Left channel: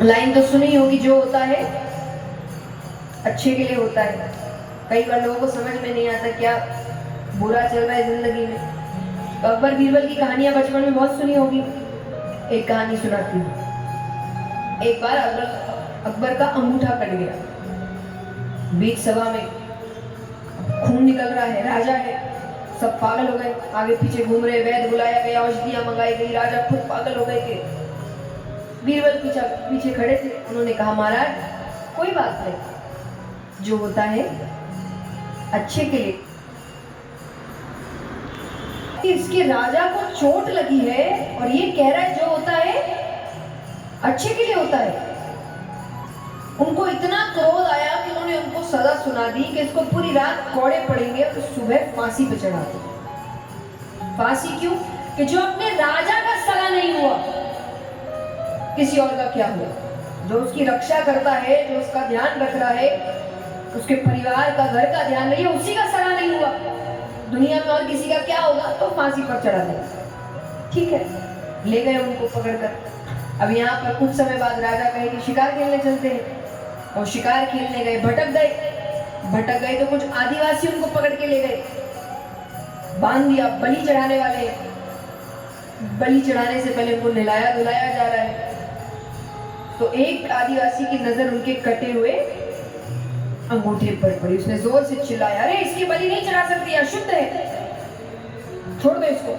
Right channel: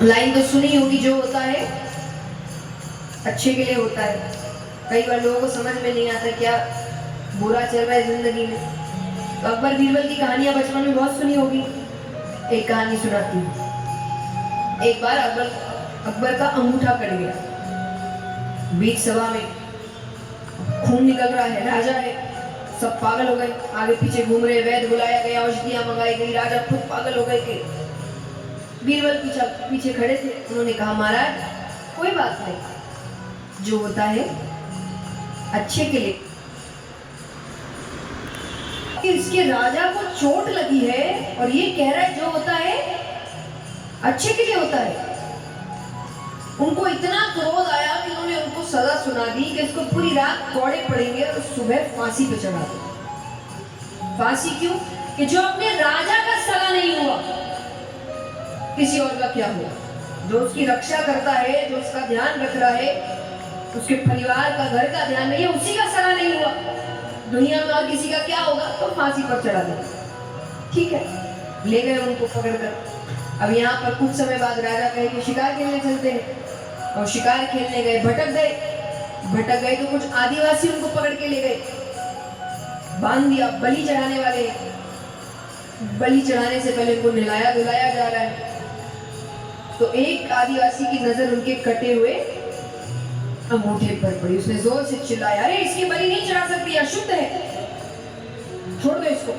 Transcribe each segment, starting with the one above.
Line तो सुनी होगी, जो होता है अच्छे के लिए होता है। कई बार लोगों को समझ में नहीं आता क्या बुरा चल रहा है जिंदगी में। तो अकबर बीरबल की कहानियां बचपन में बहुत सुनी होगी। एक कहानी सुनाती हूँ। एक बार अकबर का अंगूठा कट गया। बीच सभा में खून निकल रहा है, राजा है, सब पागल हो गए, आगे पीछे घूम रहे, वैद्य बुलाया गया, औषधियां मंगाई गई, राजा खुद पागल हो गए। कि बीरबल पीछे खड़े थे। उन्होंने कहा, महाराज कोई बात नहीं, जो होता है अच्छे के लिए। इसके राजा को चोट लगी है और ये कह रहा है जो होता है अच्छे के लिए होता है। उनको इतना क्रोध आया कि उन्होंने उनको सजा सुना दी कि इसको पूरी रात कोड़े पड़ेंगे और सुबह फांसी पे चढ़ा दो। फांसी क्यों? कि जो अपने राजा का सगा नहीं हुआ, किसी और का क्या हुआ? जो उसकी रक्षा करता है, जो उसका ध्यान रख रहा है, उसके परिवार का, घर का ध्यान नहीं है, उसी का सगा नहीं हुआ। दुनिया में और किसी का क्या होगा? तो फांसी पर चढ़ा दे। ठीक है, ले गए उनको पकड़कर। अब यहाँ पर कुछ समय बाद राजा कहे कि शिकार खेलने चलते हैं। और शिकार खेलने गए, भटक गए तो कुछ आदिवासी उनको पकड़ के ले गए, बांध दिया। बलि चढ़ाने वाले, बलि चढ़ाने से पहले उनको नहलाया धुलाया जा रहा है। तो एक आदिवासी की नजर उनके कटे हुए अंगूठे पर पड़ी। उसने जोर से चिल्लाया, अरे इसकी बलि नहीं चढ़ा सकती, अशुद्ध है, छोड़ दो इसको।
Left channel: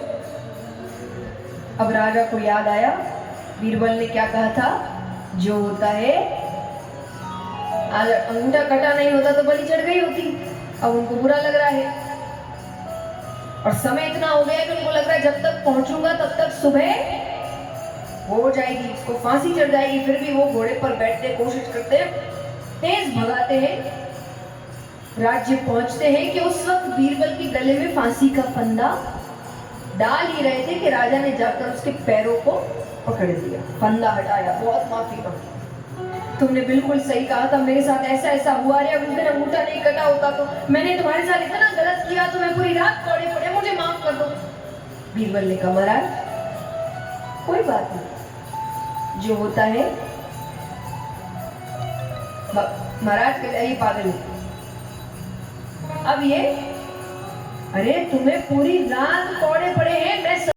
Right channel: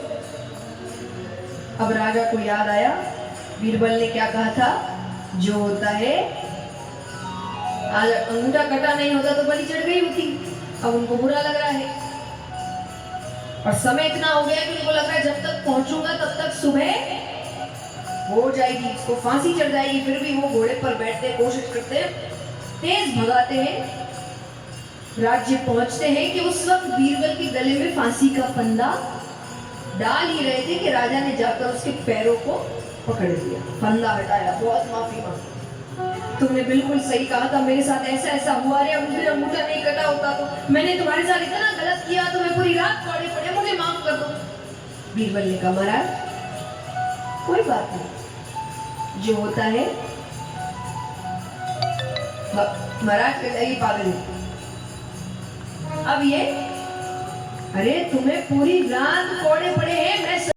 अब राजा को याद आया, बीरबल ने क्या कहा था, जो होता है, आज अंगूठा कटा नहीं होता तो बलि चढ़ गई होती। अब उनको बुरा लग रहा है और समय इतना हो गया कि उनको लग रहा है जब तक पहुंचूंगा तब तक सुबह हो जाएगी, इसको फांसी चढ़ जाएगी। फिर भी वो घोड़े पर बैठते, कोशिश करते, तेज भगाते हैं। राज्य पहुंचते हैं कि उस वक्त बीरबल के गले में फांसी का फंदा डाल ही रहे थे कि राजा ने जाकर उसके पैरों को पकड़ लिया, फंदा हटाया, बहुत माफी मांगी। तुमने बिल्कुल सही कहा था, मेरे साथ ऐसा ऐसा हुआ रे, अब मुझे अंगूठा नहीं कटा होता तो मैंने तुम्हारे साथ इतना गलत किया, तो मैं पूरी रात कोड़े पड़े, मुझे माफ कर दो। बीरबल ने कहा, महाराज कोई बात नहीं, जो होता है। महाराज कह जाइए पागल है। अब ये, अरे तुम्हें पूरी रात कोड़े पड़े हैं, मैं